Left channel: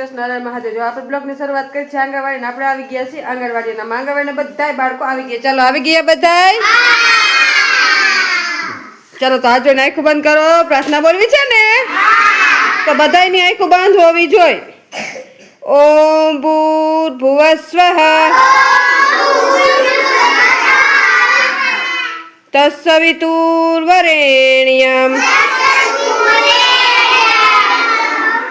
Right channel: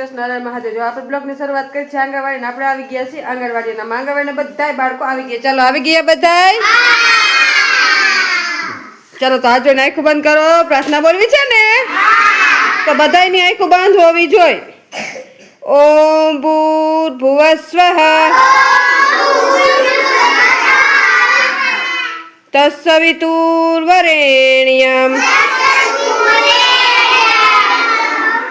કૃષ્ણ મહાદેવ. જો આપણે બ્લોગની શરૂઆત કરી છે આંગણવાડી આપણે આવી ગયા છીએ. આંગણવાડીના આંગણવાડીના બધા બાળકો આવી ગયા. ચાલો, આવી ગયા બધા ચાલો, તો આજે આંખું બંધ કરો. પ્રાર્થના બોલવી છે ને? તો બધાયની આંખું બંધ હોવી જોઈએ ઓમ ભૂર્ભુવસ્વઃ તત્સવિતુર્વરેણ્યમ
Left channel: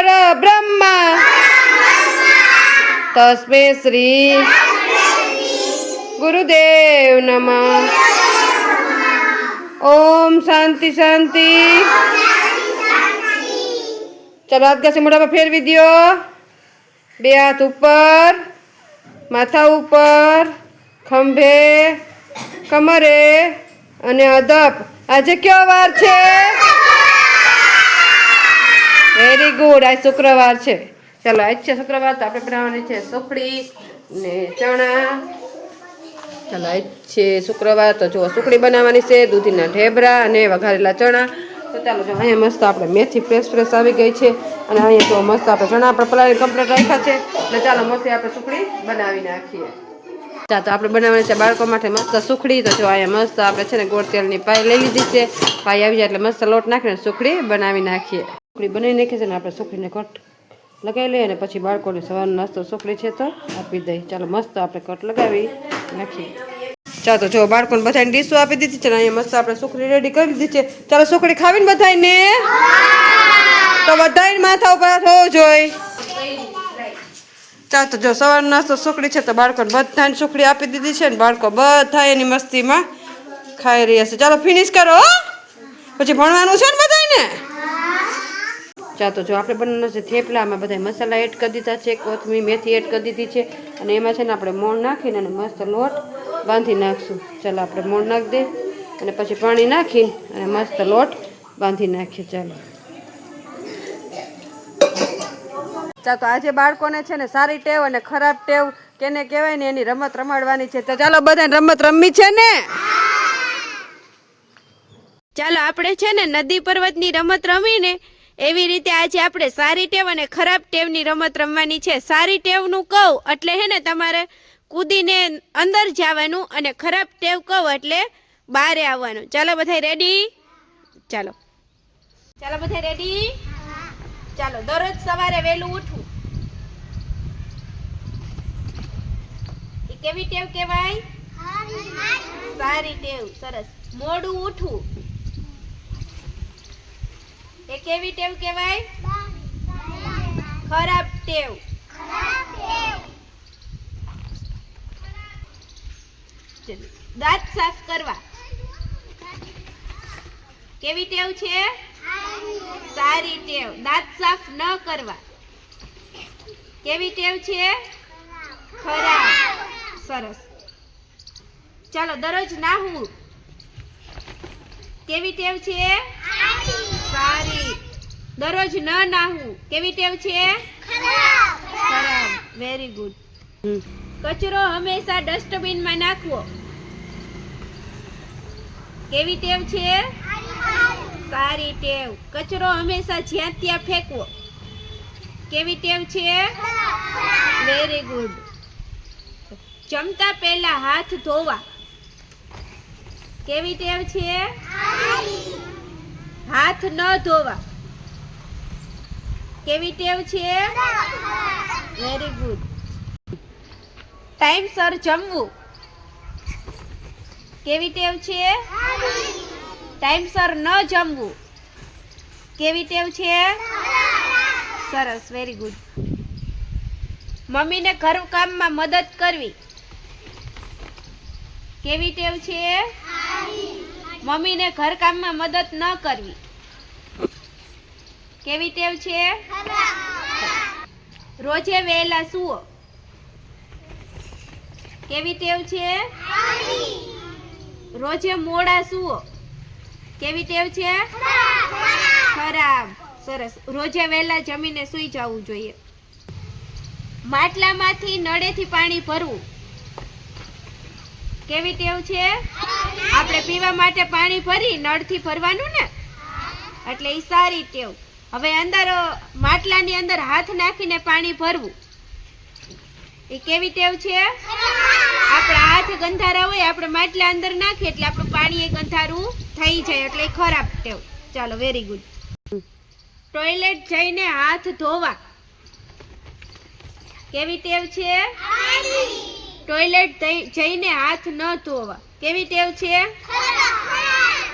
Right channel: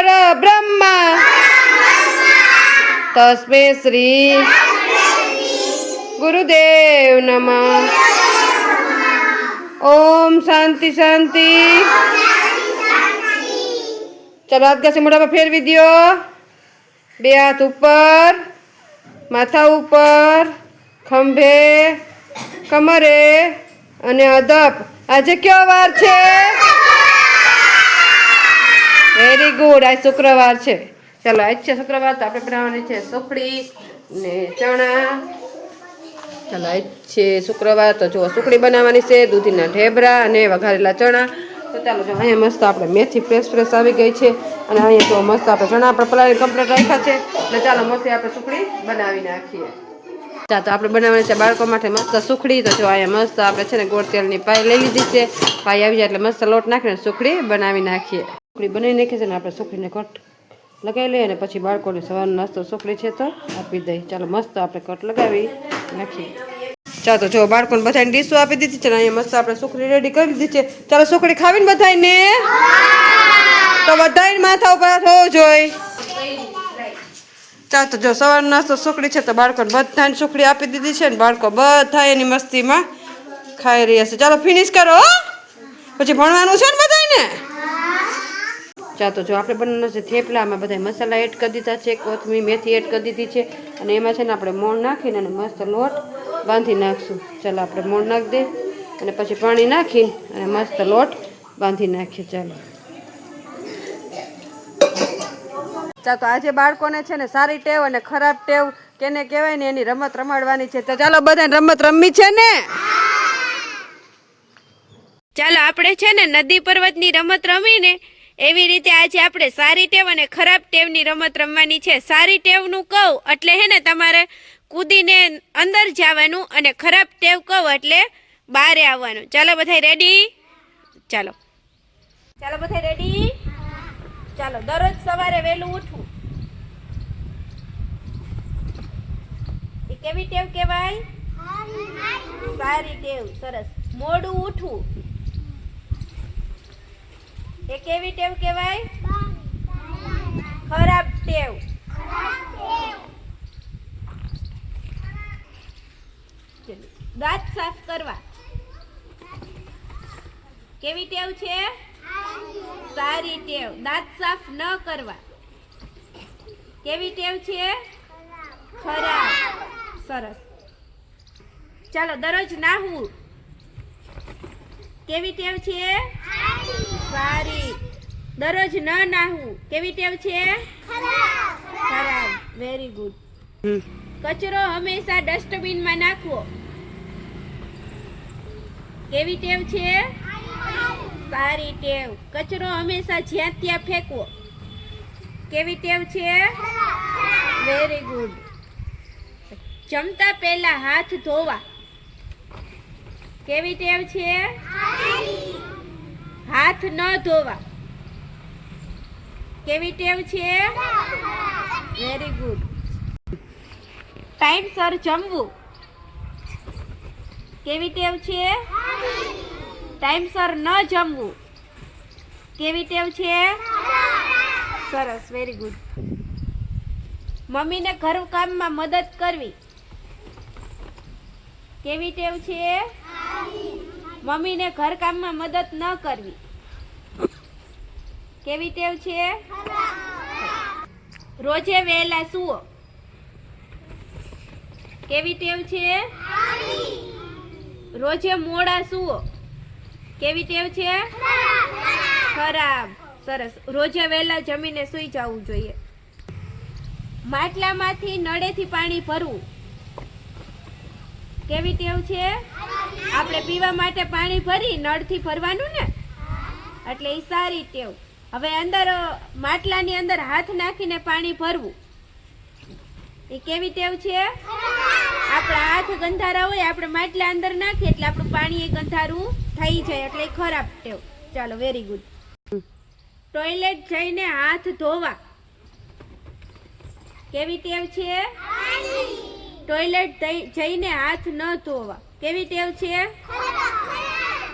પરબ્રહ્મા તસ્મે શ્રી ગુરુદેવ નમ. ઓમ શાંતિ શાંતિ. ચલો હાથ ઘસી મોઢા પર ફેરવી દ્યો. બે હાથ ઉપર, માથા ઉપર, ખંભે, કમરે અને અદપ આજે કયો વાર છે? વેરી ગુડ આજ શુક્રવાર છે. ચાલો, આજ છે શુક્રવાર તો આપણે બનાવવાની છે સુખડી ને ચણા. ચાલો, આજ છે શુક્રવાર તો જો સુખડી બનાવવાની છે, દૂધીના ઢેબરા અને વઘારેલા ચણા. તો ચાલો, જો અહીંયા મસ્ત આપણે મેથી ફ્રેશ ફ્રેશ આવી ગઈ છે અને અહીંયા જો મસ્ત આપણે ચણા આપણે પલાળી કમ્પ્લીટ રાખ્યા છે. એટલે ચાલો મસ્ત આપણે સુખડી બનાવી નાખીએ. ચા તો આપણે બનાવવાની છે બાળકો માટે મસ્ત સુખડી. તો જો અહીંયા મસ્ત આપણે છે ને ગોળ તેલની પાઈ લઈ લીધી છે. પાઈ આવી જાય એટલે મસ્ત લોટ નાખીને સુખડી બનાવી નાખીએ. સુખડી બનાવી નાખીએ છે ને આપણે સુખડીને કટ લગાવી લઈએ અને પછી બાળકોને સવારનો નાસ્તો સુખડી છે તો આપી દઈએ ચાલો મસ્ત આપણે કટ લગાવી નાખીએ. ચાલો તો જો બાળકોને બધાને ડીશો આપી દીધી છે ને અહીંયા મસ્ત આપણે સુખડી રેડી કરી દીધી છે. ચાલો સુખડી ખાવીને બધાને તો બધાને માથા ઉપર હાથ હોવો જોઈએ. ચાલો તો જો સવારનો નાસ્તો સુખડી છે તો બાળકોને બધાને સુખડી આપી દીધી છે ને બાળકો બધા એની મસ્તીમાં ખાઈ રહ્યા છે. ચાલો ફિનિશ કરો પછી ભણવાનું છે ને બધાને ચાલો તો જો આપણે બનાવવાનો છે થેપલામાં બધા મસાલા એડ કરી દીધા છે, કોથમીર, મેથી એડ કરી દીધી છે અને એમાં છે ને આપણે મોણ નાખીને અને મસ્ત લોટ બાંધી નાખશું. ચાલો આપણે મોણ નાખી દે અને પછી પાણી નાખીને અને મસ્ત લોટ બાંધી નાખીએ. ચાલો. ચાલો આજે બાળકોને છે ને સારી ટેવ અને ખરાબ ટેવ કેને કહેવાય ને એની રમત રમાડવાની છે. તો ચાલો બધાને રમત રમવી છે ને? ચાલો આપણે છે ને નદી પર્વતની રમત રમીને એવી રીતે આજે આપણે સારી ટેવ અને ખરાબ ટેવની રમત રમવાની છે. સારી ટેવનું કહું એટલે હે ને તમારે કૂદીને અંદર જવાનું અને ખરાબ ટેવ કહું એટલે બહારે આવવાનું. ચાલો બધા રેડી ચાલો. ચાલો બધા રેડી ચાલો દરરોજ સવારે વહેલું ઉઠવું. કેવી ટેવ કહેવાય? સારી ટેવ સરસ. મોડું ઉઠવું. એ કેવી ટેવ કહેવાય? ખરાબ ટેવ. દાંત સાફ કરવા. કેવી ટેવ છે? સારી ટેવ. દાંત સાફ ન કરવા. કેવી ટેવ છે? ખરાબ. સરસ. ચાલો દરરોજ નાહવું. કેવી ટેવ છે? સારી દરરોજ ન નાહવું. કેવી ટેવ છે? ખરાબ. વેરી ગુડ કચરો હંમેશા ડસ્ટબિનમાં નાખવો. કેવી ટેવ છે? સારી ટેવ. કચરો હંમેશા જ્યાં ત્યાં ફેંકવો. કેવી ટેવ છે? વેરી ગુડ જમતા પહેલા હાથ ધોવા. કેવી ટેવ છે? હાથ ન ધોવા. કેવી ટેવ છે? વેરી ગુડ ટાઈમસર જમવું. કેવી ટેવ છે? ટાઈમસર ન જમવું. કેવી ટેવ છે? સરસ વેરી ગુડ મમ્મીને ઘર કામમાં મદદ કરવી. કેવી ટેવ છે? મમ્મીને ઘર કામમાં મદદ ન કરવી. કેવી ટેવ છે? રોજે વહેલા સુવો. કેવી ટેવ છે? રોજે મોડા સુવો. કેવી ટેવ છે? ખરાબ. સરસ. રોજે વહેલા જમીને સૂઈ જવું જોઈએ. માટલામાંથી નળેથી પાણી ભરવું. કેવી ટેવ છે? આપણે પીવા માટે પાણી ભરી નળથી ભરવાનું ને? એટલે એ સારી ટેવ. હવે અંદર માટલાની અંદર હાથ નાખીને પાણી ભરવું. એ કેવી ટેવ છે? આપણા હાથ ગંધારા હોય આપણે માટલા અંદર નાખીએ એટલે આપણું પાણી એ ગંધારું થઈ જાય એટલે ખરાબ ટેવ. ચાલો વેરી ગુડ ટોયલેટ જઈને હાથ ધોવા. કેવી ટેવ છે? ટોયલેટ જઈને હાથ ન ધોવા. કેવી ટેવ છે?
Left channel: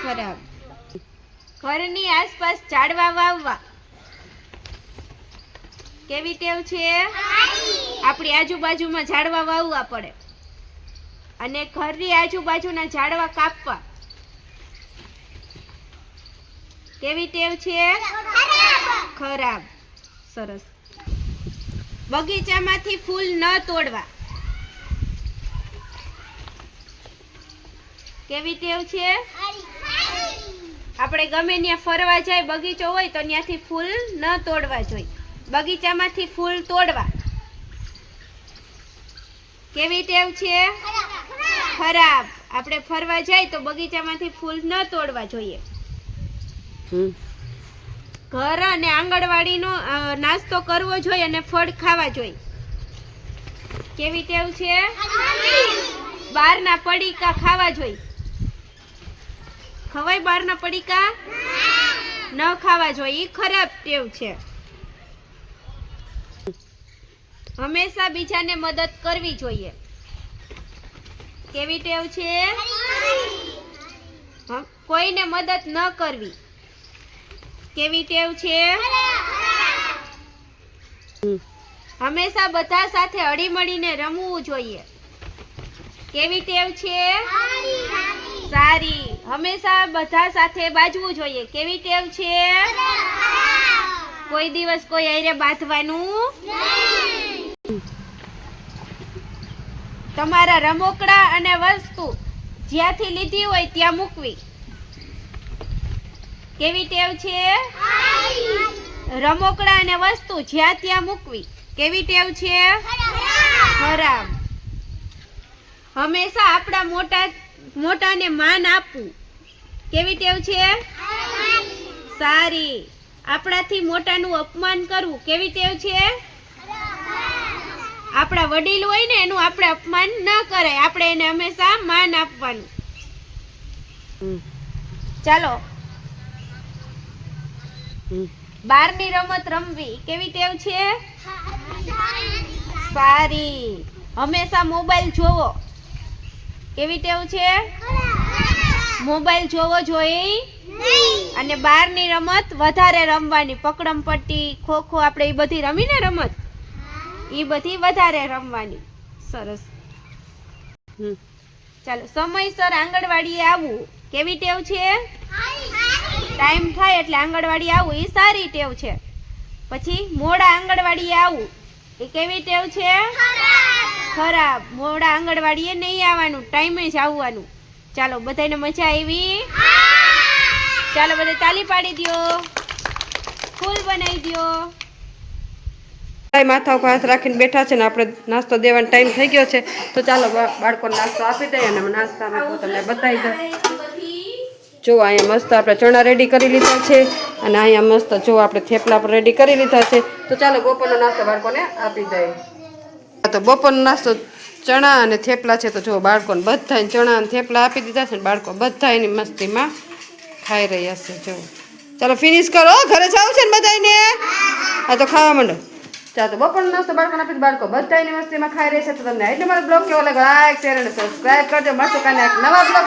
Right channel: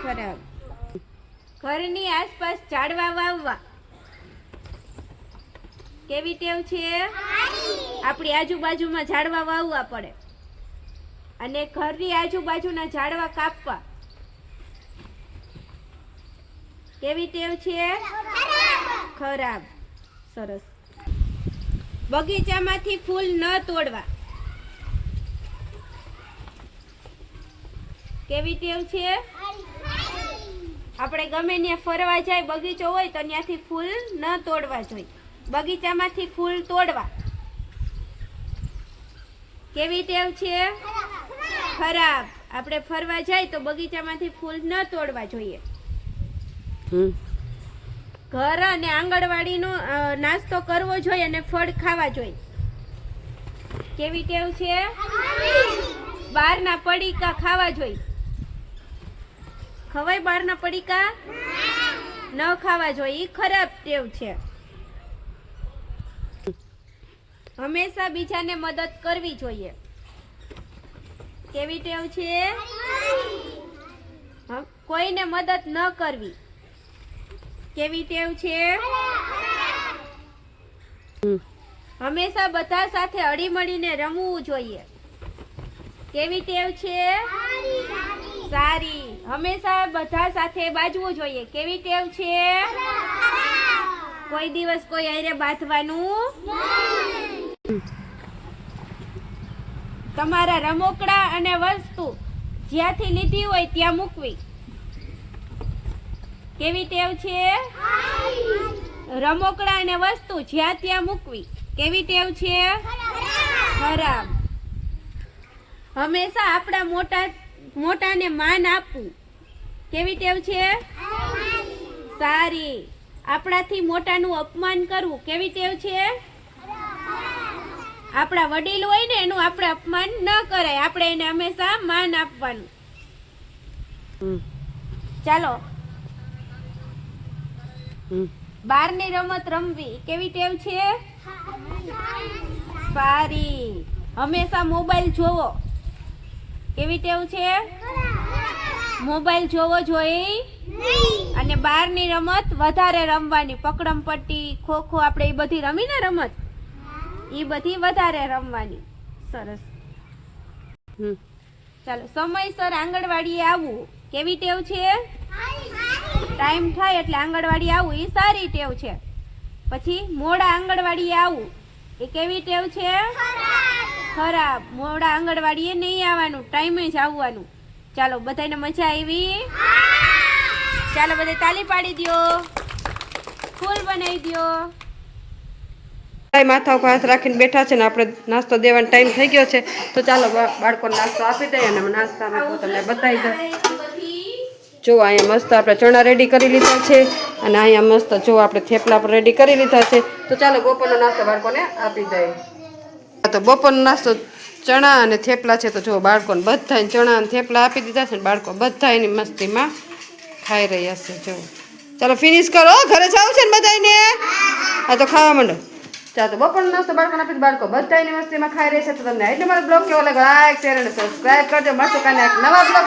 ખરાબ. ઘરની આસપાસ ઝાડવા વાવવા. કેવી ટેવ છે? આપણી આજુબાજુમાં ઝાડવા વાવવા પડે. અને ઘરની આજુબાજુના ઝાડવા કાપવા. કેવી ટેવ છે? ખરાબ. સરસ. બગીચામાંથી ફૂલ ન તોડવા. કેવી ટેવ છે? આપણે ગમે ત્યાં ફરવા જાય, બગીચો હોય તો ત્યાંથી ફૂલ ન તોડવા જોઈએ. બગીચામાંથી ફૂલ તોડવા. કેવી ટેવ છે? ખરાબ. આપણે ફરવા જાય તો બગીચામાંથી ફૂલ ન તોડવા જોઈએ. ઘર અને આંગણવાડીનો નાસ્તો કરવો જોઈએ અને ફળ ખાવા જોઈએ. કેવી ટેવ છે? બહારના પડીકા ખાવા જોઈએ. ખવાય બહારના પડીકા? ન ખાવા જોઈએ. ઈ ખરાબ ટેવ છે. હંમેશા બીજાને મદદ કરવી જોઈએ. કેવી ટેવ છે? કોઈને મદદ ન કરવી. કેવી ટેવ છે? હંમેશા બધા સાથે હળીમળીને રમવું જોઈએ. કેવી ટેવ છે? સારી. હંમેશા બધા સાથે બાજવું જોઈએ. કેવી ટેવ છે? કોઈ દિવસ કોઈ હારે બાંધવાનું તમારા રમકડા અને વસ્તુ જ્યાંથી લીધી હોય ત્યાં મૂકવી. કેવી ટેવ છે? રમકડા અને વસ્તુ જ્યાં ત્યાં મૂકવી. કેવી ટેવ છે? ખરાબ. હંમેશા આપણા મોટા મોટાને માન આપવું. કેવી ટેવ છે? સારી. આપણાથી મોટાનું અપમાન કરવું. કેવી ટેવ છે? આપણા વડીલ હોય ને એનું આપણે અપમાન ન કરાય. આપણે એને હંમેશા માન આપવાનું. ચાલો. બારની રમત રમવી. કેવી ટેવ છે? સારી. હંમેશા મોબાઈલ જોવો. કેવી ટેવ છે? મોબાઈલ જોવો જોઈએ અને બહારની રમત વધારે રમવાની. પકડમ પટ્ટી ખોખો આપણે એ બધી રમીને રમત. એ બધી વધારે રમવાની. સરસ. ચાલો, સમયસર આંગણવાડીએ આવવું કેવી ટેવ છે? ટાઈમ થાય એટલે આંગણવાડી આવવું એ સારી ટેવ છે. પછી મોડા આંગણવાડીએ આવવું એ કેવી ટેવ છે? ખરાબ. મોડા આંગણવાડીએ નહીં આવવાનું. ટાઈમે જ આવવાનું. ચાલો, બધાને મજા આવી? ચાલો, બધા તાલી પાડી દ્યો. ફૂલ બનાવી ભાઈ માથા ઉપર હાથ રાખીને બેઠા છે ને આપણે નાસ્તો દેવાનો ટાઈમ થઈ ગયો છે. તો ચાલો બાળકોને નાસ્તો આપી દઈએ અને નાસ્તામાં તમને બતાવી દઉં. જો, અહીંયા મસ્ત આપણે ચણા રેડી કરી લીધા છે અને અહીંયા મસ્ત જો, આપણે થેપલા પણ રેડી કરી લીધા છે. તો ચાલો, બપોરનો નાસ્તો બાળકોને આપી દઈએ. તો બપોરનો નાસ્તો ચણા અને થેપલા છે. તો જો, બાળકોને બધા ચણા અને થેપલા આપી દીધા છે ને બાળકો બધા એની મસ્તીમાં ખાઈ રહ્યા છે. જો, ચાલો ફિનિશ કરો. ઘરે જાવ છે ને બધાને હા, તો ખાવા માંડો. ચાલો તો બપોરનો નાસ્તો, બાળકોને આપીને. બાળકો બધા યુનિવર્સિટીમાં ખાઈ રહ્યા છે. તો તમને એટલે મારો બ્લોગ કેવો લાગે લાઈક શેર અને સબસ્ક્રાઈબ કરજો. મળશું કાલે નવા બ્લોગ